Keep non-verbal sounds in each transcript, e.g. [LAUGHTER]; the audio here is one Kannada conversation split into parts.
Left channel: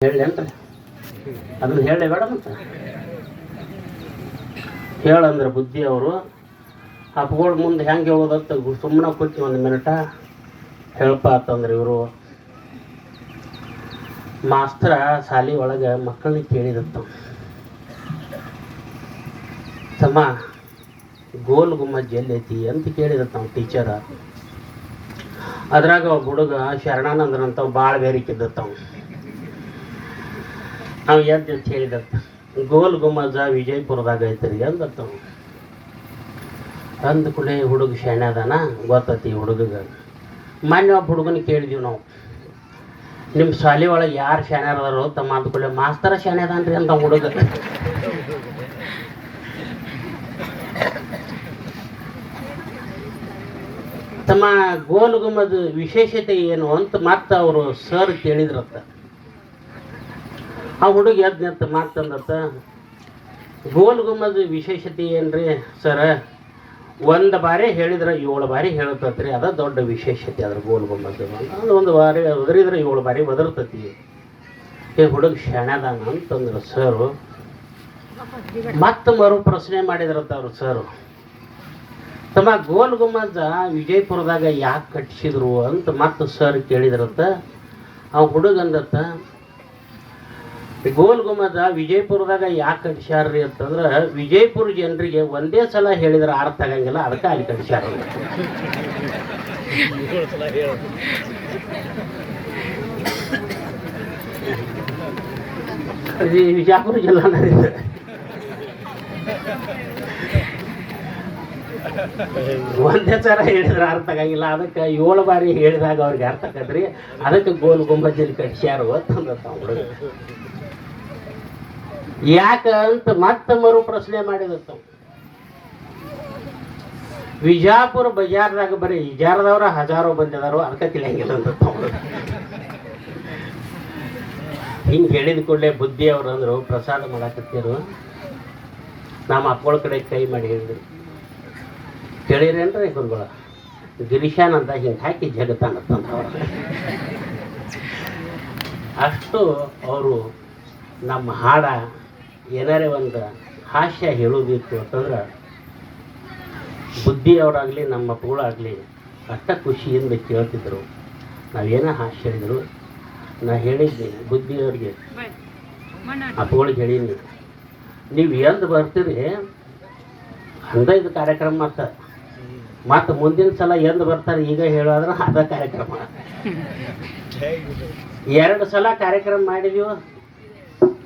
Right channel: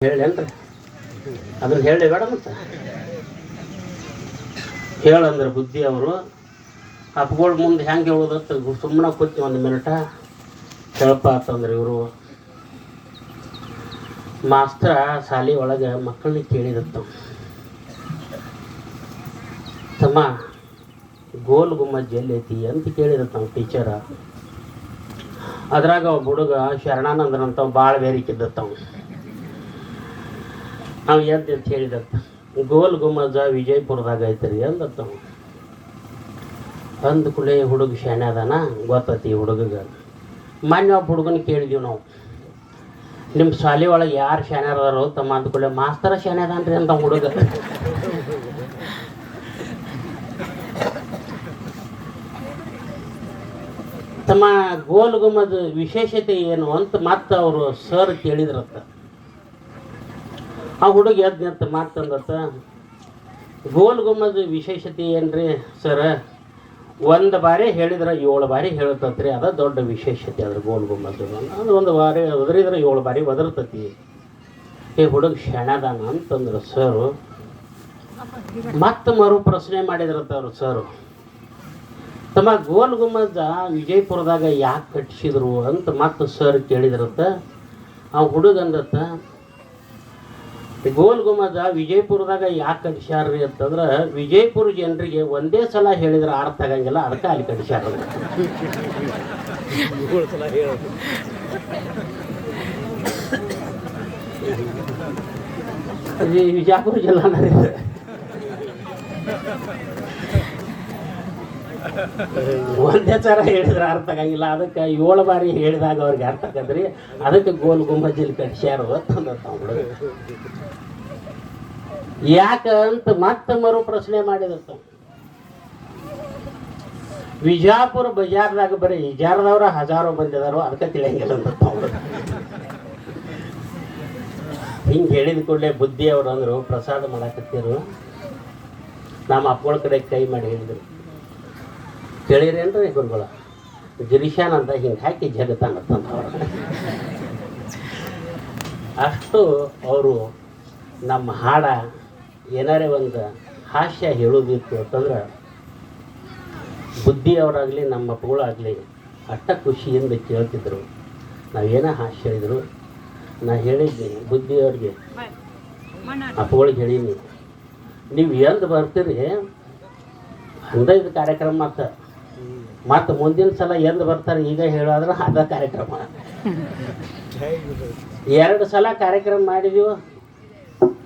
ಹೇಳೇನ್ರಿ ಅದನ್ನ ಹೇಳಿ ಬೇಡ ಮತ್ತೆ. ಹೇಳಂದ್ರೆ ಬುದ್ಧಿ ಅವರು ಅಪ್ಗಳ ಮುಂದೆ ಹೆಂಗೆ ಹೇಳೋದತ್ತ ಸುಮ್ಮನೆ ಕೂತಿ ಒಂದು ಮಿನಿಟ ಹೇಳಪ್ಪ ಅಂತಂದ್ರೆ ಇವರು. ಮಾಸ್ತ್ರ ಶಾಲಿ ಒಳಗೆ ಮಕ್ಕಳನ್ನ ಕೇಳಿದತ್ತು ತಮ್ಮ ಗೋಲ್ ಗುಮ್ಮಜ್ ಎಲ್ಲೈತಿ ಅಂತ ಕೇಳಿದತ್ತ ನಾವು ಟೀಚರ. ಅದ್ರಾಗ ಹುಡುಗ ಶರಣಾನಂದ್ರಂತ ಭಾಳ ಬೇರಿಕಿದ್ದತ್ತ ಅವ್ನು ನಾವು ಎಂತ ಅಂತ ಹೇಳಿದತ್ತ ಗೋಲ್ ಗುಮ್ಮಜ ವಿಜಯಪುರದಾಗ ಐತ್ರಿ ಅವ್ನು. ಅಂದ ಕೂಡಲೇ ಹುಡುಗ ಶಾಣೆ ಅದಾನ, ಗೊತ್ತತಿ ಹುಡುಗಗ. ಮೊನ್ನೆ ಒಬ್ಬ ಹುಡುಗನ ಕೇಳಿದೀವಿ ನಾವು. ನಿಮ್ಮ ಶಾಲೆ ಒಳಗೆ ಯಾರು ಶಾಣೆ ತಮ್ಮ ಅಂದ ಕೂಡಲೇ, ಮಾಸ್ತರ ಶಾಣೆ ಅಂತ ಹುಡುಗ. ತಮ್ಮ ಗೋಲ್ ಗುಮ್ಮದ ವಿಶೇಷತೆ ಏನು ಅಂತ ಮತ್ತೆ ಅವರು ಸರ್ ಕೇಳಿದ್ರತ್ತ. ಆ ಹುಡುಗ ಎದ್ದು ನಿಂತ ಮಾಡ್ತಂದತ್ತ ಗೋಲ್ ಗುಮ್ಮದ ವಿಶೇಷತೆ ಏನ್ರಿ ಸರ? ಒಂದು ಬಾರಿ ಹೇಳಿದ್ರೆ ಏಳು ಬಾರಿ ಹೇಳ್ತತ್ರಿ ಅದ ದೊಡ್ಡ ವಿಶೇಷತೆ ಅದ್ರ ಗೋಲ್ ಗುಮ್ಮದ ಅದು ಒಂದು ಬಾರಿ ಒದರಿದ್ರೆ ಏಳು ಬಾರಿ ಒದರ್ತತಿ. ಈ ಹುಡುಗ ಶಣದಾನ ಅಂತಂದ್ರು, ಸರು, ಮತ್ತೆ ಮರು ಪ್ರಶ್ನೆ ಮಾಡಿದ್ರಂತ ಅವರು ಸರ್. ತಮ್ಮ ಗೋಲ್ ಗುಮ್ಮಜ ವಿಜಯಪುರದಾಗ ಯಾಕೆ ಕಟ್ಟಿಸಿದ್ರು ಅಂತ ಮತ್ತೆ ಸರ್ ಕೇಳಿದ್ರಂತ, ಆ ಹುಡುಗ ಅಂದತ್ತ ಗೋಲ್ ಗುಮ್ಮಜ ವಿಜಯಪುರದಾಗ ಯಾಕೆ ಕಡಿಸ್ಯಾರ್ರಿ ಅಂತಂದ್ರೆ ವಿಜಯಪುರ ಜನರಿಗೆ ಒಂದೇ ಸಲ ಹೇಳಿದ್ರೆ ಅರ್ಥ ಆಗಂಗಿಲ್ಲ, ಅದಕ್ಕೆ ಅಲ್ಲಿ ಕಡಿಸ್ಯಾರ ವಿಜಯಪುರ ಜಿಲ್ಲಾ ಒಂದೇ ಸಲ ಹೇಳಿದ್ರೆ ಅರ್ಥ ಆಗಂಗಿಲ್ಲ, ಅದಕ್ಕೆ ಏಳು ಬಾರಿ ಹೇಳಿದಾಗ ಅವ್ರಿಗೆ ಅರ್ಥ ಆಗದ್ರಿ, ಅದಕ್ಕೆ ಗೋಲ್ ಗುಂಬಜ್ಜಲ್ಲಿ ಕಟ್ಸ್ಯಾರ ಗೊತ್ತಂದ ಯಾಕ ಅಂತ ಮತ್ತೆ ಮರು ಪ್ರಶ್ನೆ ಮಾಡಿದತ್ತ ವಿಜಾಪುರ ಬಜಾರ್ದಾಗ ಬರೀ ಇಜಾರದವ್ರ ಹಜಾರೋ ಬಂದಿದಾರೋ ಅದಕ್ಕೆ ತಿಳಿಯಂಗಿಲ್ಲ ಹಿಂಗೆ ಹೇಳಿದ ಕೂಡಲೇ ಬುದ್ಧಿ ಅವ್ರು ಅಂದರು, ಪ್ರಸಾದ ಮಾಡಾಕತ್ತೀರು. ನಮ್ಮ ಅಪ್ಪಳ ಕಡೆ ಕೈ ಮಾಡಿ ಹೇಳಿದ್ರು. ಕೇಳಿರೇನ್ರಿ ಗುರುಗಳ? ಗಿರಿಶಾನ್ ಅಂತ ಹಿಂಗೆ ಹಾಕಿ ಜಗತ್ತಾನತ್ತಂತ ಅವ್ರ. ಅಷ್ಟು ಅವರು ನಮ್ಮ ಹಾಡ ಏನಾರೇ ಒಂದು ಹಾಸ್ಯ ಹೇಳೋದಿತ್ತು ಅಂತಂದ್ರೆ ಬುದ್ಧಿಯವರಾಗಲಿ ನಮ್ಮ ಅಪ್ಪಗಳಾಗಲಿ ಅಷ್ಟ ಖುಷಿಯಿಂದ ಕೇಳ್ತಿದ್ರು. ನಾವೇನೋ ಹಾಸ್ಯ ಹೇಳಿದ್ರು? ನಾ ಹೇಳಿದ್ದೀನಿ ಬುದ್ಧಿಯವ್ರಿಗೆ. ಅಪ್ಪಗಳಿಗೆ ಹೇಳೀನಿ ನೀವು ಎಂದು ಬರ್ತೀರಿ ಇದು ಕಾರ್ಯಕ್ರಮ ಮತ್ತೆ ಮತ್ತು ಮುಂದಿನ ಸಲ ಎಂದು ಬರ್ತಾರೆ ಈಗ ಹೇಳೋದ್ರೆ ಅದ ಕಾರ್ಯಕ್ರಮ. [LAUGHS] ಎರಡು ಸಲ ಕಾರ್ಯಕ್ರಮ ಮಾಡಿದೀವಿ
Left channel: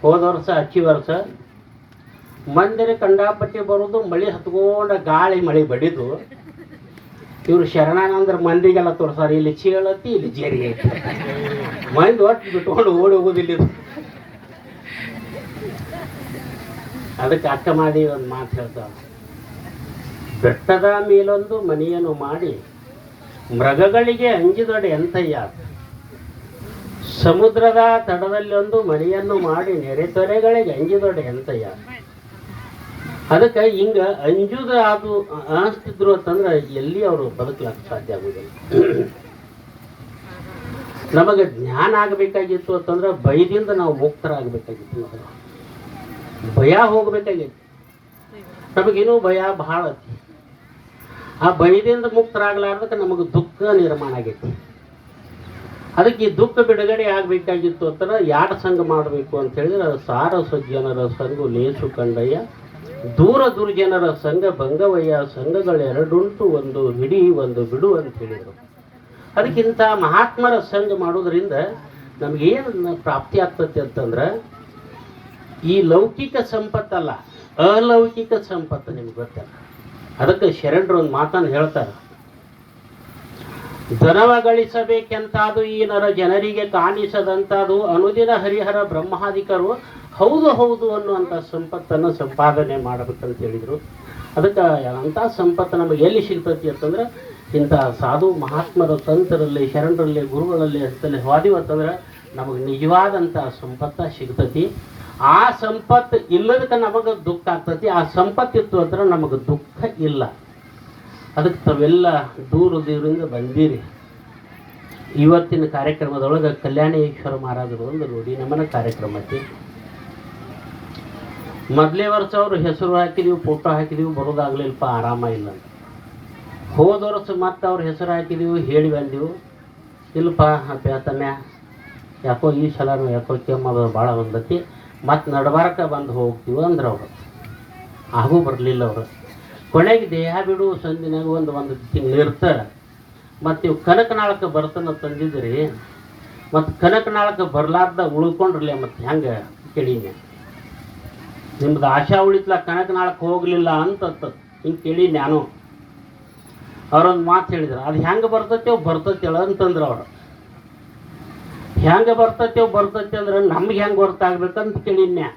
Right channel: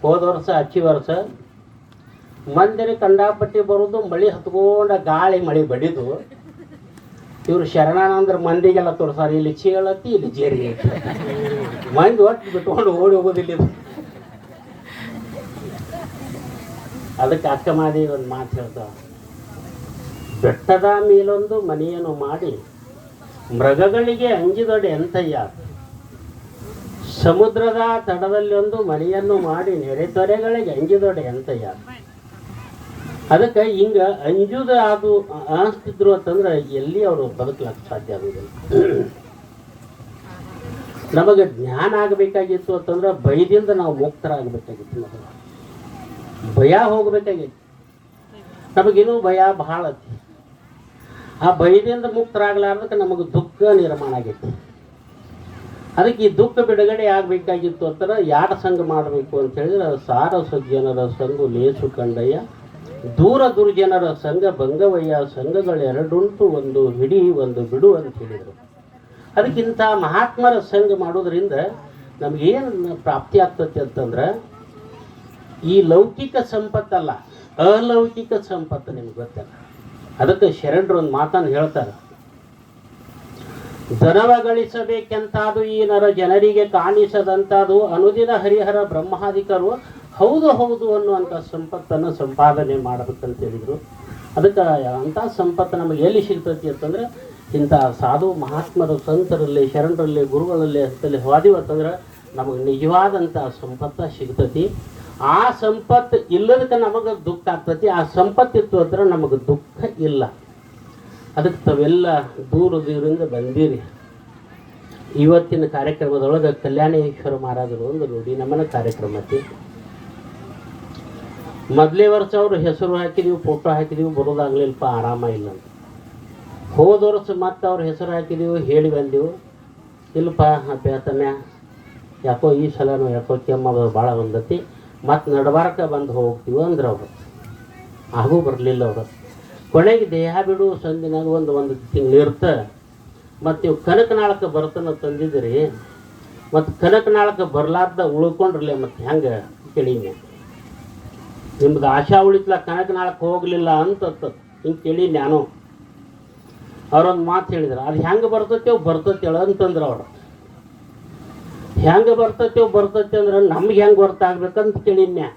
ಹೋದ ವರ್ಷ ಹಚ್ಚಿ ವರ್ಷ, ಮಂದಿರ ಕಂಡಾಪಟ್ಟಿ ಬರೋದು, ಮಳೆ ಹತ್ಕೊಂಡ ಗಾಳಿ ಮಳೆ ಬಡಿದು, ಇವ್ರು ಶರಣಾನಂದ್ರ ಮಂದಿಗೆಲ್ಲ ತೋರ್ಸಾರ, ಇಲ್ಲಿ ಚೀಳತ್ತಿ ಇಲ್ಲಿ ಜೇರಿ ಐತಿ ಮಂದಿ ಒಟ್ಟು ಬಿಟ್ಕೊಂಡು ಓಡಿ ಹೋಗೋದಿಲ್ಲ. ಅದಕ್ಕೆ ಅಕ್ಕ ಮಾಡಿ ಒಂದು ಮಾತು ಹೇಳ್ತಾವ. ಬೆಟ್ಟದ ಮೇಲೊಂದು ಮನೆಯನ್ನು ಮಾಡಿ, ಮೃಗಗಳಿಗೆ ಅಂಜಿದೊಡೆ ಎಂತಯ್ಯ. ಸಮುದ್ರದ ತಡದಲ್ಲಿ ಒಂದು ಮನೆಯನ್ನು ಮಾಡಿ ನೆರೆತೊರೆಗಳಿಗೆ ಅಂಜಿದೊಡೆ ಎಂತಯ್ಯ ಅದಕ್ಕೆ ಹಿಂಗ ಅಂಜುದ ಅದು ಅನಿಸ್ತಿದ್ರು ಅಂತಂದ್ರೆ ಎಲ್ಲಿ ಅವರು ಬದುಕಲಕ್ಕ ಸಾಧ್ಯ ಆಗುದಿಲ್ಲ. ನಮಗೆ ಜ್ಞಾನ ಆಗಬೇಕಾಗಿತ್ತು ಅಂತಂದ್ರೆ ಭಯದಿಂದ ನಾವು ಮುಕ್ತರಾಗಬೇಕಾಗಿತ್ತು ಮೊದಲು. ಭಯ ಹೋಗಬೇಕಾಗಿತ್ತು. ನಮಗಿನ್ನೂ ಭಯ ಬಹಳ ಆ ಭಯದಿಂದ ಮುಕ್ತರಾಗಲಾರ್ದಕ್ಕೆ ನಮಗೆ ದುಃಖ ನಿರ್ಮಾಣ ಆಗೈತಿ. ಅದಕ್ಕೆ ಈ ದುಃಖ ಬಿಡುಗಡೆ ಆಗಬೇಕಾಗಿತ್ತು ಅಂತಾರೆ ಯಾರ ಸಂಘ ಮಾಡಬೇಕು ಅಂತ ಹೇಳಿದ್ರೆ ಸಾರ ಸಜ್ಜನರ ಸಂಘ ಲೇಸು ಕಂಡಯ್ಯ, ದೂರ ದುರ್ಜನರ ಸಂಘ ಭಂಗವಯ್ಯ ಸಂಘಗಳು ಎರಡುಂಟು ಒಂದು ಹಿಡಿ ಒಂದು ಬಿಡು ಅಂತ ಹೇಳಿದರು. ಅದಕ್ಕಿಂತ ಮಹಾತ್ಮರ ಸಂಘ ಮಾಡೋದ್ರಿಂದ ನಮಗೇನು ಪ್ರಾಪ್ತಿ ಆಗ್ತದೆ ಅಂತಂದ್ರೆ ಈ ಲೌಕಿಕ ಸಂಪತ್ತಲ್ಲ, ಅಲೌಕಿಕ ಸಂಪತ್ತು ನಿಮ್ಗೆ ಗೊತ್ತಲ್ಲ. ಅದಕ್ಕೆ ಶರಣರು ಒಂದು ಮಾತನ್ನು ಹೇಳ್ತಾರೆ. ಧನವ ಗಳಿಸಬೇಕೆಂತಾದು ಈ ನರ ಜನರಿಗೆ ಕಾಣಿಸದಂತಾದು ಅನುದಿನ ಹರಿಹರ ಬ್ರಹ್ಮಾಧಿಕರು ಹೌದು ಹೌದು ಅನ್ನುವಂಥ ಸಂಪತ್ತನ್ನು ಸಂಪಾದನೆ ಮಾಡಬೇಕಂತ ಹೇಳಿದರು. ಅದಕ್ಕೆ ಅಂಥ ಸಂಪತ್ತು ನಮಗೆ ಎಲ್ಲಿ ಸಿಗ್ತೈತಿ ಅಂತಂದ್ರೆ ಇಂಥ ಸಾಧು ಮಹಾತ್ಮರ ಸಂತರಲ್ಲಿ, ಶರಣರಲ್ಲಿ, ಗುರುಗಳಲ್ಲಿ ಅಂತಲ್ಲಿ ಹೋದಿವಿ ಅಂತಂದ್ರೆ ನಮಗೆ ನಿಜವಾದಂಥ ಸಂಪತ್ತು ಸಿಗ್ತತಿ. ಆ ಸಂಪತ್ತು ಇಲ್ಲದಕ್ಕೆ ನಮಗೆ ದುಃಖ ಆಗ್ತತಿ. ಆ ಸಂಪತ್ತಿತ್ತು ಅಂದ್ರೆ ನಮಗೆ ದುಃಖ ಇಲ್ಲ. ಅದಕ್ಕೆ ತಾವೆಲ್ಲ ದೂರ ದೂರಿಂದ ಬಂದಿರಿ. ಇವತ್ತಿನ ಕಾರ್ಯಕ್ರಮದೊಳಗೆ ಕಲ್ಯಾಣೇಶ್ವರ ಮಹಾರಾಜರು ಒಂದು ನೋಡಿ ನಮ್ಮನ ಕಾರ್ಯಕ್ರಮ ಐತಿ. ಮೊದಲೇ ವರ್ಷ ಅವರು ಹೆಸರು ಹಾಕಿದೀವಿ ಫೋಟೋ ಹಾಕಿದೀವಿ, ಬರೋದಾಗ್ಲಿಲ್ಲಪ್ಪ, ಆರಾಮ ಇಲ್ಲ ಹೋದ ವರ್ಷ ಮತ್ತೆ ಅವ್ರ ಹೆಸರು ಹಾಕಿದೀವಿ, ಹೇಳಿ ಬಂದೀವಿ. ಇಲ್ಲಪ್ಪ ಹೇಳ್ತಾನೆ ಯಾಕೋ ಈ ಸಲನೂ ಯಾಕೋ ಕೆಮ್ಮದು ಭಾಳ ಬಂದತಿ ಮತ್ತು ನಡಬಾರಕ ಬಂದು ಹೋಗ್ತೀವಿ ಅಂದ್ರೆ ಅವರು. ಆಗೂ ಬರಲಿಲ್ಲ ಅವರು. ಕೊನೆಗೆ ದೇಹ ಬಿಡು ಸಂದಿನಾಗ ಒಂದು ಒಂದು ತಿಂಗಳು ಇರ್ತ ಮತ್ತು ಇವು ಕನಕನಾಳಕ್ಕೆ ಬರ್ತನ ತಂದಿದ್ರಿ ಮತ್ತು ಕನಕನಾಳಕ್ಕೆ ಬರ್ಲಾರ್ದ ಉಳ್ಕೊಂಡ್ರಲ್ಲ ಮತ್ತು ಹೆಂಗೆ ಕೇಳೀನಿ. ನಿಮ್ದು ಆಶಾ ಉಳಿತ್ಲ ಕನಕನಾಳಕ್ಕೆ ಹೋಗಲಿಲ್ಲ ಅಂತ ಹಿಂಗೆ ಕೇಳಿ ನಾನು. ಅವ್ರೊಂದು ಮಾತು ಹೇಳಿದ್ರು, ಅದು ಹೆಂಗೆ ಬರ್ತೈತೆ ಬರ್ತೈತೆ ಹೇಳು ಅಂತಂದ್ರು ಅವರು. ಹೆಂಗೆ ಬರ್ತೈತೆ ಬರ್ತೈತೆ ಅಂದ್ರೆ ನಮ್ಗೆ ಹೆಂಗೆ ಗೊತ್ತಾಗ್ಬೇಕಂತ ಕೇಳಿನ್ಯಾ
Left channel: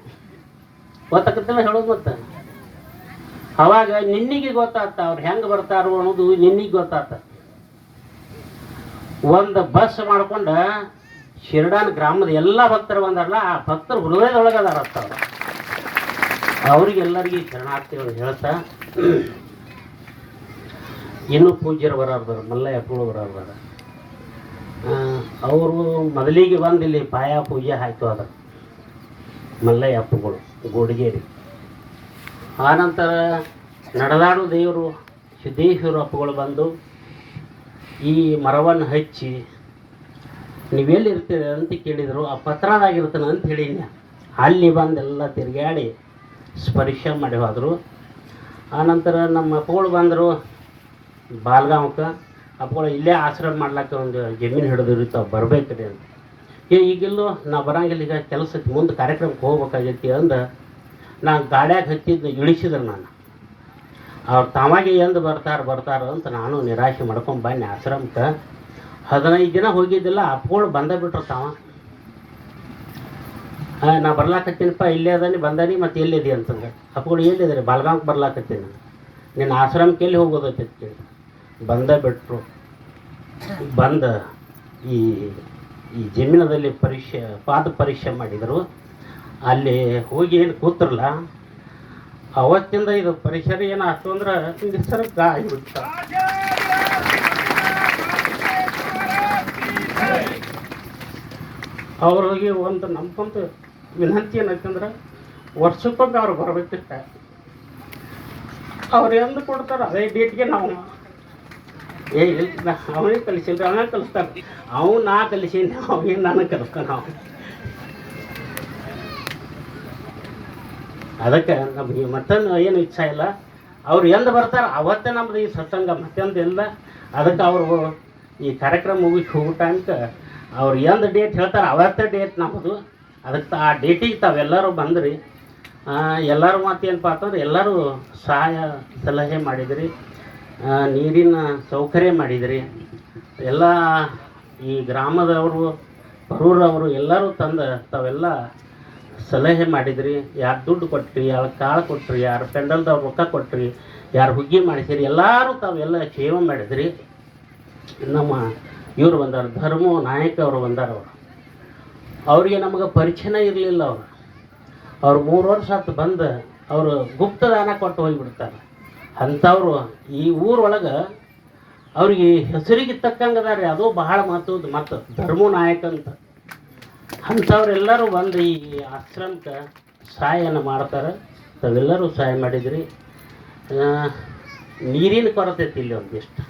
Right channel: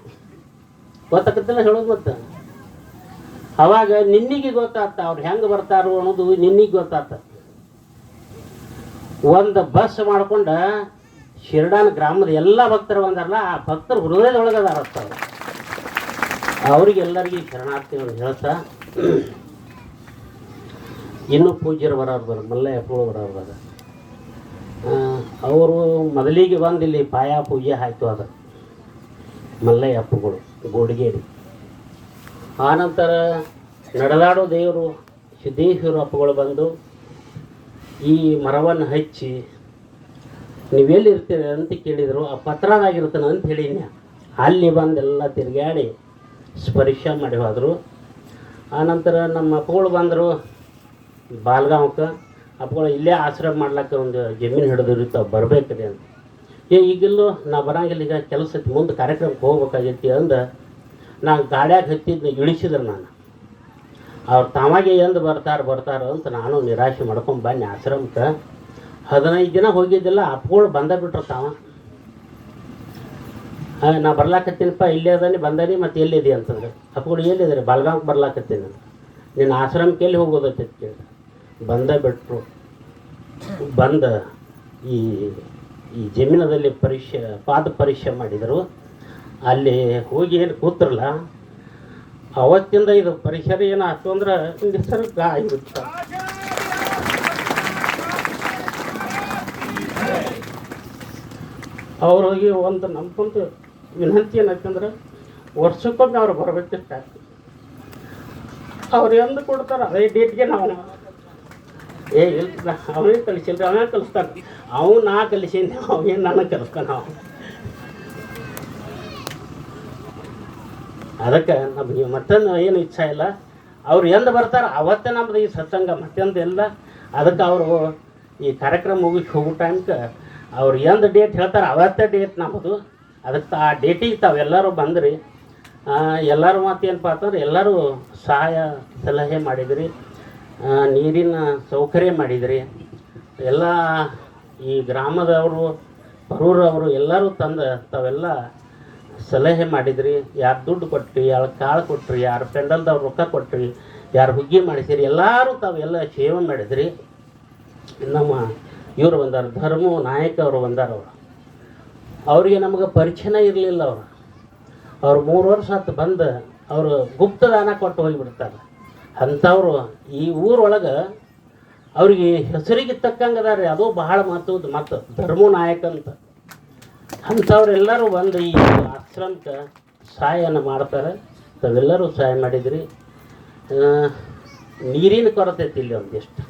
ಗೊತ್ತಾಗತ್ತಲ್ಲ ಹೇಳೋದು ಮತ್ತೆ. ಅವಾಗ ನಿನ್ನಿಗೆ ಗೊತ್ತಾಗ್ತ, ಅವ್ರು ಹೆಂಗೆ ಬರ್ತಾರೋ ಅನ್ನೋದು ನಿನ್ನಿಗೆ ಗೊತ್ತಾಗ್ತ. ಒಂದು ಬಸ್ ಮಾಡ್ಕೊಂಡು ಶಿರ್ಡಾನ್ ಗ್ರಾಮದ ಎಲ್ಲ ಭಕ್ತರು ಬಂದಾರಲ್ಲ, ಆ ಭಕ್ತರು ಹೃದಯದೊಳಗೆ ಅದಾರ. ಅವ್ರಿಗೆಲ್ಲರಿಗೆ ಶರಣಾರ್ಥಿಗಳು ಹೇಳ್ತಾ, ಇನ್ನು ಪೂಜ್ಯರು ಬರಬಾರ ಮಲ್ಲಯ್ಯ ಪೂಳು ಬರೋರ್ದಾರ ಅವರು ಮೊದಲಿಗೆ ಬಂದು ಇಲ್ಲಿ ಪಾಯ ಪೂಜೆ ಆಯ್ತು ಅದ್ರ ಮಲ್ಲಯ್ಯ ಅಪ್ಪಗಳು ಗೋಡಿಗೇರಿ. ಆನಂತರ ನಡೆದಾಡೋ ದೇವರು ಸಿದ್ದೇಶ್ವರ ಅಪ್ಪಗಳು ಬಂದು ಈ ಮರವನ್ನು ಹಚ್ಚಿ ನೀವೆಲ್ಲಿ ಇರ್ತೀರಿ ಅಂತ ಕೇಳಿದರು, ಆ ಪತ್ರನಾಗಿರ್ತಾನೆ ಅಂತ ಹೇಳಿದ್ನ ಅಲ್ಲಿ ಬಂದೆಲ್ಲ ತಿರುಗಾಡಿ ಸ್ಪರ್ಶ ಮಾಡಿ ಹೋದರು. ಆನಂತರ ನಮ್ಮ ಅಪ್ಪಗಳು ಬಂದರು ಬಾಲ್ಗಾಂವಕ್ಕೆ ಅಪ್ಪಗಳು ಇಲ್ಲೇ ಆಶ್ರಯ ಮಾಡ್ಲಿಕ್ಕೆ ಒಂದು ಜಮೀನು ಹಿಡಿದ್ರಿ ತಾವು ರೀ ಅಂತ. ಏ, ಈಗಿಲ್ಲೋ ನಾವು ಬರಂಗಿಲ್ಲ, ಈಗ ಕೆಲಸ ಮುಂದೆ ಕಾರ್ಯಕ್ರಮಕ್ಕೆ ಹೋಗ್ಬೇಕಾಗೈತಿ ಅಂದ ನಾನು ಗಾಡ್ಯಾಗ ಹತ್ತಿದ್ದು ಇಳಿಸಿದ್ರು ನಾನು. ಅವ್ರು ತಾವಾಗೆ ಎಂದು ಬರ್ತಾರ ಬರ್ತಾರೋ ಅಂತ ನಾನು ನಿರಾಶೆ ಮಾಡ್ಕೊಂಡು ಬನ್ನಿ ಆಶ್ರಮಕ್ಕೆ. ಹದಿನೈದು ದಿನ ಹೋಗಿದ್ದಿಲ್ಲ, ಅಪ್ಪಗಳು ಬಂದ ಬಿಟ್ರು ತಾವ. ನಾ ಬರ್ಲಾಕತ್ತೀನಪ್ಪ, ಇಲ್ಲೇ ಅದಾನಿ, ಬಂದಾನಿ, ಮತ್ತು ಎಲ್ಲಿದೆ ಅಂತಂದ್ರೆ. ಅಪ್ಪಗಳು ಎಲ್ಲಿದ್ದಾರೆ ಬಲ್ಗಾಂವ್ಗೆ ಬರ್ಲಾಕತ್ತೀನಿ. ನಿನ್ನ ಆಶ್ರಮಕ್ಕೆ ಎಲ್ಲಿ ಕೇಳಿದೆ ಬಂದ ಬಿಟ್ರು. ಬಂದ ಈ ಈ ಜಮೀನದಲ್ಲಿ ಪರೀಕ್ಷೆ, ಪಾದ ಪರೀಕ್ಷೆ ಮಾಡಿದರು. ಅಲ್ಲಿ ಹೋಗಿ ಏನು ಕೂತ್ರಲ್ಲ, ಅವತ್ತಿಂದ ಇದು ಪರಿಸರ ಏನಾಯ್ತು ಅಂದ್ರೆ ನಿಸರ್ಗ ಆಗಿಬಿಡ್ತ. ಅವ್ರಿಗೆ ಒಂದು ನಮ್ಗೊಂದು ವಿನಂತಿ ಏನಾಯ್ತಂದ್ರೆ ವರ್ಷಕ್ಕೊಮ್ಮೆ ಅವ್ರು ಬರಬೇಕಿತ್ತ. ಅವ್ರು ಎಂದು ಕೊಡ್ತಾರೆ ಅದೇ ಡೇಟ್ಗೆ ನಾವು. ಏ ಅವೇ ಅವನೇ ಅವೇ ಕಲಿಸ್ತಾನೆ. ಅವ್ನು ನಾ ಕಲಿಸಿ ಅವೇನು ನಾನು ಕಲಿಸ್ತಾನೆ. ನಾವು ಅದಕ್ಕೆ ನಮಗೆ ಮತ್ತೊಂದು ಏನು ಇಚ್ಛೆ ಇಲ್ಲ. ಅವ್ರು ಎಂದು ಬರ್ತಾರೆ, ಅವತ್ತೇ ನಮ್ದು ಈ ಸತ್ಸಂಗ ಮತ್ತೊಂದು ಇಲ್ಲ. ಅದಕ್ಕೆ ಅವರು ಈ ಕಾರ್ಯಕ್ರಮ ಮುಗಿಸಿ ಹೋಗೋ ಟೈಮ್ಗೆ ಅವ್ರು ಎಂದು ಡೇಟ್ ಹೇಳ್ತಾರೆ, ಅವತ್ತೇ ಡೇಟ್ ನಮ್ಮದು ಅದಕ್ಕೆ ಆ ಡೇಟಿಗೆ ತಾವೆಲ್ಲರೂ ಬಂದ್ರಿ. ಎಲ್ಲರ ಎಲ್ಲರೂ ಮಾತು ಏನಪ್ಪ ಅಂತಂದ್ರೆ, ಎಲ್ಲರೂ ಸಹಾಯ ಸಲಹೆ ಮಾಡಿದಿರಿ. ನೀರಿನ ಸೌಕರ್ಯ ಮಾಡಿದಿರಿ. ಎಲ್ಲ ಈ ಗ್ರಾಮದವರು, ಬರೂರವರು ಎಲ್ಲರೂ ತಂದು ತಾವೆಲ್ಲ ಸಲಹೆ ಮಾಡಿದ್ರಿ, ಯಾರು ದುಡ್ಡು ಕೊಟ್ರಿ, ಯಾರು ಕಾಳು ಕೊಟ್ರಿ, ಯಾರು ಪೆಂಡಲ್ದವ್ರು ರೊಕ್ಕ ಕೊಟ್ರಿ, ಯಾರು ಹುಗ್ಗಿ ಮಾಡಿಸಿರಿ, ಎಲ್ಲರೂ ತಾವೆಲ್ಲ ಸೇವೆ ಮಾಡಿದ್ರಿ. ನಮ್ಮ ಇವರು ಬಂದಾರ, ಧರ್ಮ ನಾಯಕ ಅವರು ಬಂದಾರ ಅವರಿಗೆ ನಮಗೆ ಪರಿಚಯನೇ ಇರಲಿಲ್ಲ ಅವರು. ಅವ್ರು ಮೂರು ವರ್ಷ ಹತ್ತು ಬಂದು ಅವರು ಗುಪ್ತದಾನ ಕೊಟ್ಟು ಹೋಗಿಬಿಡ್ತಾರೆ. ಅಂಥವ್ರು ಈ ಊರೊಳಗೆ ಅವ್ರಿಗೆ ಹೆಸರಿಗೆ ತಕ್ಕಂಗೆ ಅದಾರೆ ಅದು ಬಹಳ ಮಹತ್ವದ ಮತ್ತು ಧರ್ಮ ನಾಯಕ ಅಂತ. ಅಂಥವ್ರೆಲ್ಲರೂ ಬಂದು ಈ ಆಶ್ರಮಕ್ಕೆ ಸಹಾಯನ ಮಾಡ್ತಾರೆ. ತಾವೆಲ್ಲರೂ ಸಹಾಯ ಮಾಡಿದ್ರಿ. ನೀರಿನ ಕೊರತೆ ಇಲ್ಲಿ ಒಂದಿಷ್ಟು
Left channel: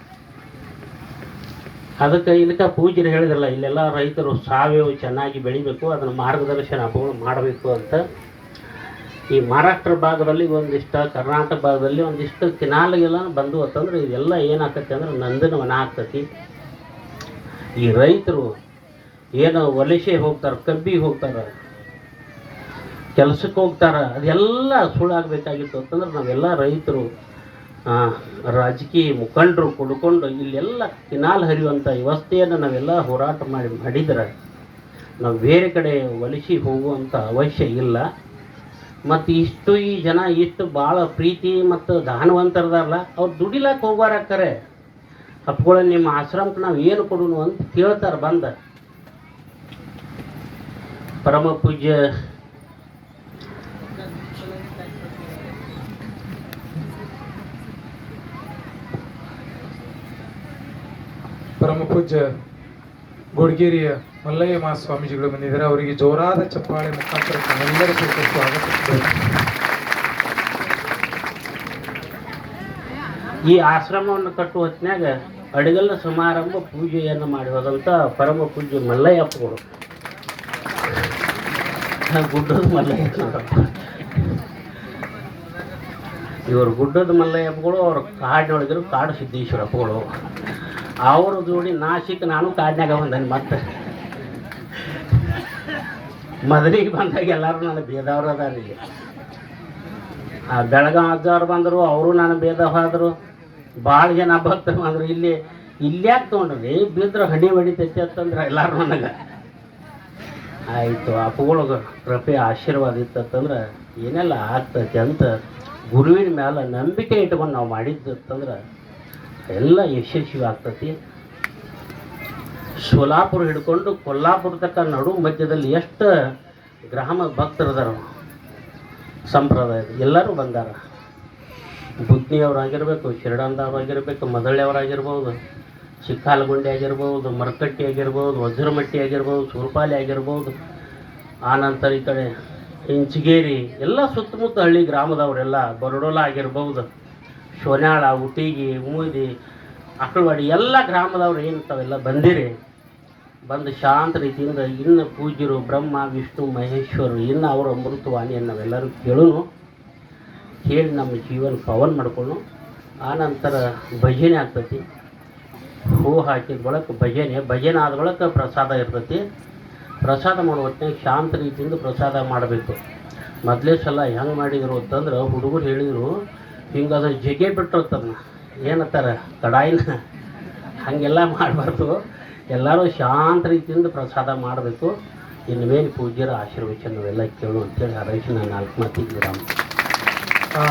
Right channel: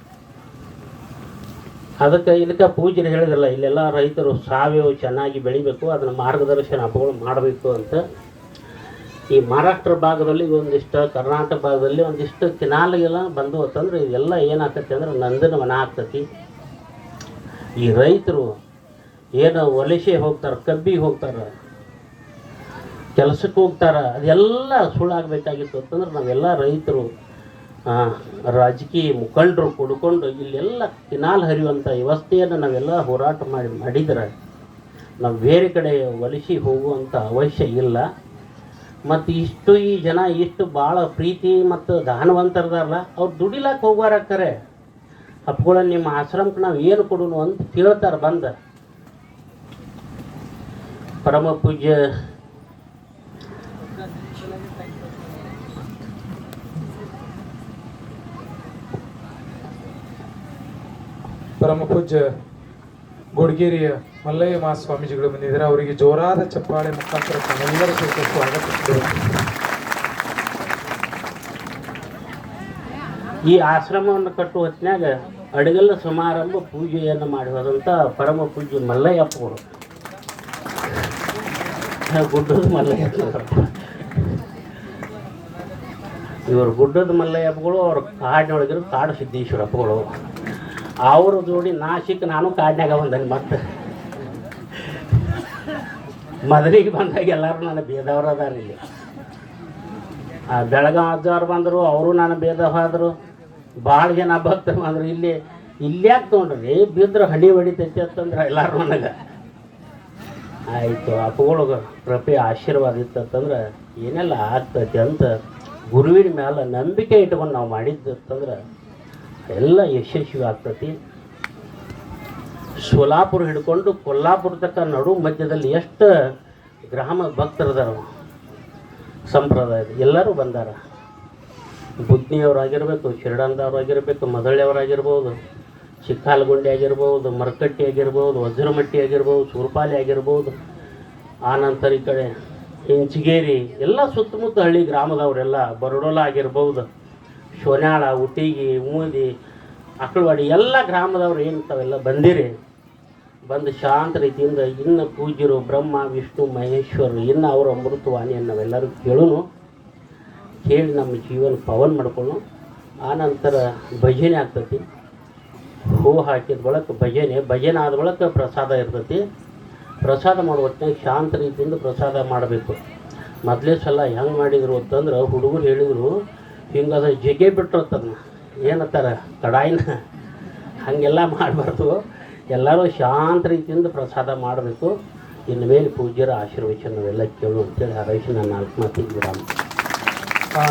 ಅದಕ್ಕೆ ಇದಕ್ಕೆ ಪೂಜೆ ಹೇಳಿದ್ರಲ್ಲ, ಇಲ್ಲೆಲ್ಲ ರೈತರು ಸಾವಯವ ಚೆನ್ನಾಗಿ ಬೆಳಿಬೇಕು, ಅದನ್ನು ಮಾರ್ಗದರ್ಶನ ಹಬ್ಬಗಳು ಮಾಡಬೇಕು ಅಂತ. ಈ ಮಹಾರಾಷ್ಟ್ರ ಭಾಗದಲ್ಲಿ ಒಂದಿಷ್ಟು, ಕರ್ನಾಟಕ ಭಾಗದಲ್ಲಿ ಒಂದಿಷ್ಟು ತಿನ್ನಾಲಿಗೆಲ್ಲ ಬಂದು ಅಂತಂದ್ರೆ ಇದೆಲ್ಲ ಏನಾಗ್ತೈತೆ ಅಂದ್ರೆ ನಂದನ ವನ ಆಗ್ತತಿ. ಈ ರೈತರು ಏನು ವಲಸೆ ಹೋಗ್ತಾರೆ, ಕಬ್ಬಿಗೆ ಹೋಗ್ತಾರೆ. ಕೆಲಸಕ್ಕೆ ಹೋಗ್ತಾರೆ, ಅದೆಲ್ಲ ಸುಳ್ಳಾಗಬೇಕಾಗಿತ್ತು ಅಂತಂದ್ರೆ ನಾವೆಲ್ಲ ರೈತರು ರಾಜಕೀಯ ಮುಖಂಡರು ಕುಡ್ಕೊಂಡು ಇಲ್ಲೆಲ್ಲ ಕಿನಾಲ್ ಹರಿಯುವಂಥ ವ್ಯವಸ್ಥೆಯನ್ನು ನಾವೆಲ್ಲ ಹೋರಾಟ ಮಾಡಿ, ಮಾಡಿದರೆ ನಾವು ಬೇರೆ ಕಡೆ ವಲಸೆ ಹೋಗುವಂಥ ಅವಶ್ಯ ಇಲ್ಲ. ಮತ್ತು ಇಷ್ಟು ಈ ಜನ ಇಷ್ಟು ಭಾಳ ಪ್ರೀತಿ ಮತ್ತು ದಾನವಂತರದಾರಲ್ಲ ಅವ್ರು ದುಡಿಲಾಕ ಹೋಗ್ಬಾರಕ್ಕರೆ ಅಪ್ಪಗಳ ನಿಮ್ಮ ಆಶ್ರಮಕ್ಕೆ ನಾವು ಏನು ಕೊಡೋಣ ಅಂತ ಕೇಳ್ತಾರೆ ಬಂದ. ಪರಮ ಪೂಜ್ಯ ಪರಮ ಪೂಜ್ಯ ಗೋಡ್ಗೇರಿಯ ಮಲ್ಲಯ್ಯ ಮಾ ಸ್ವಾಮೀಜಿಗಳು ಬಂದಿದ್ದಾರೆ. ಅವರಿಗೆ ಜೋರಾದ ಚಪ್ಪಾಳೆ ಮುಖಾಂತರ ಎಲ್ಲರ ಈ ಆಶ್ರಮವನ್ನು ಕಟ್ಟುವ ಹೊತ್ತಿನಾಗ ಅಡಿಗಲ್ಲ ಸಮಾರಂಭ ಪೂಜೆಯನ್ನು ಮಾಡಿರೋದಂಥ ಪರಮ ಪೂಜ್ಯ ಮಲ್ಲಯ್ಯಪ್ಪಗಳು. ಆ ಗುಡ್ಡದ ಮಲ್ಲಯ್ಯಪ್ಪ ಇವರು ಗುಡ್ಡದ ಮಲ್ಲಯ್ಯಪ್ಪಗಳು, ಅವ್ರ ಕಾಡಿನೊಳಗಿರೋ ಕಾಡು ಸಿದ್ದೇಶ್ವರಪ್ಪಗಳು. ಅವ್ರ ಜೋಡಿ ನಾ ಸಿಕ್ಕ ನಾನು ಕಾಡ್ನಾಗ ಬಂದನು ಮತ್ತೆ ಮೊದಲಿಗೆ ಬಂದಾಗ ಎಲ್ಲರೂ ನನ್ನ ಭೇದವ್ರು ಅದಾರ. ಇಲ್ಲಿ ಆ ಬೆಳಗಾವ್ ಅಜ್ಜವ್ರು ಬಂದರು, ಅವರು ನಾನು ಭೇದ ಆದರು. ಭಾಳ ಜನ ಭಕ್ತರು ಬಂದರು. ಇಲ್ಲಿ, ಇಲ್ಯಾಕೆ ತೊಗೊಂಡ್ರಿ? ಬಿದ್ರೆ ಹಣಿ ಹೊಡಿತೈತಿ ಅಂತಂದ್ರೆ ಎಲ್ಲರೂ ನನಗೆ. ಆಯಿತು, ಅಪ್ಪಗಳಿಗೆ ಕೃಪೆ ಆಶೀರ್ವಾದ ಇತ್ತಂತಂದ್ರೆ ಏನೆಲ್ಲ ಆಗ್ತೈತಿ ಅಂತ ಗುರುವಿನ ಮೇಲೆ ನಂಬಿಕೆ ಇಟ್ಕೊಂಡು ನಾವು ಮಾಡಿದ್ದು ಅಂತಂದ್ರೆ ಎಲ್ಲ ಯಶಸ್ವಿ ಆಗ್ತತಿ. ಸೋಲಾಪುರ ಹಿಡ್ಕೊಂಡು ಕೊಲ್ಲಾಪುರ ತಕ್ಕ ನಡು ಮಧ್ಯದಲ್ಲಿ ಎಷ್ಟು ಗ್ರಾಮ ಭಕ್ತರದಾರ ಸಂಪ್ರದಾಯ ಎಲ್ಲರೂ ಬಂದಾರ. ಬುದ್ಧಿಯವರಾಗಿರ್ಬೇಕು ಶಿರಡಂದವರಾಗಿರ್ಬೇಕು, ಮದಳ್ಳಿಯವರಾಗಿರ್ಬೋದು, ಚಿಕ್ಕಾಲಗುಂಡಿ ಆಗಿರ್ಬೋದು, ಮರಕಟ್ಟಿ ಆಗಿರ್ಬೋದು, ವಜ್ರಮಟ್ಟಿ ಆಗಿರ್ಬೋದು, ಸೂರ್ಪಾಲಿ ಆಗಿರ್ಬೋದು, ಆನಂತರ ಈ ಕಡೆ, ಹಿಂಚಗೇರಿ, ಎಲ್ಲ ಸುತ್ತಮುತ್ತ ಹಳ್ಳಿ ಗ್ರಾಮದವರೆಲ್ಲ ಬರಡೋಲ ಆಗಿರ್ಬೋದು. ಶೋನ್ಯಾಳ ಉಟಿಗಿ ಮೂದಿ ಅಕ್ಕಳವಾಡಿ ಎಲ್ಲ ಗ್ರಾಮದವ್ರು ಏನಂತಾವೆಲ್ಲ ಬಂದಿರಿ. ಬಂದು ಶಾಂತ ರೀತಿಯಿಂದ ಇನ್ನು ಪೂಜ್ಯರು ಬ್ರಹ್ಮ, ವಿಷ್ಣು ಮಹೇಶ್ವರರು ಇನ್ನು ಅವರು ಅಮೃತವಾಣಿಯನ್ನು ನಾವೆಲ್ಲರೂ ಕೇಳೋನು. ಕೇಳಿ ನಮ್ಮ ಜೀವನ ಪವನ್ ಮಾಡ್ಕೊಳ್ಳು ಆನಂತರ ಭಜನೆ ಆಗ್ತೈತಿ. ಹೂ ಹಾಕಿದ ಬಳಕ ಭಜನೆ. ಭಜನೆ ಆದ ಬಳಕ ಪ್ರಸಾದ ಇರ್ತೈತಿ. ಪ್ರಸಾದ ಮಾಡೋ ಹೊತ್ತಿನಾಗ ಶಾಂತ ರೀತಿಯಿಂದ ಪ್ರಸಾದ ಮಾಡಬೇಕು. ಮೊದಲೇ ಸಲ ಹೆಂಗೆ ಮಾಡಿದರು ಅಂತಂದ್ರೆ ಹುಡುಗರು ಹೇಳಿದರು ಹಿಂಗೆ ಅದು ಜಗೆ ಬಿಟ್ಟಿರ್ತದನ್ನ ತರ ಕಡಾಯಿನ ಹಾಗೆಲ್ಲ ಮಾಡಬಾರ್ದು. ಎಲ್ಲರೂ ಶಾಂತ ರೀತಿಯಿಂದ ಪ್ರಸಾದ ಮಾಡಬೇಕು. ಇನ್ನು ಮೇಲೆ ಪೂಜ್ಯರ ಆಶೀರ್ವಚನವೆಲ್ಲ ಕೇಳು ಅಂತೇಳಿ ಹರೈಸಿ ನನ್ನ ನಾಲ್ಕು ಮಾತಿಗೆ ರಾಮ ಆ,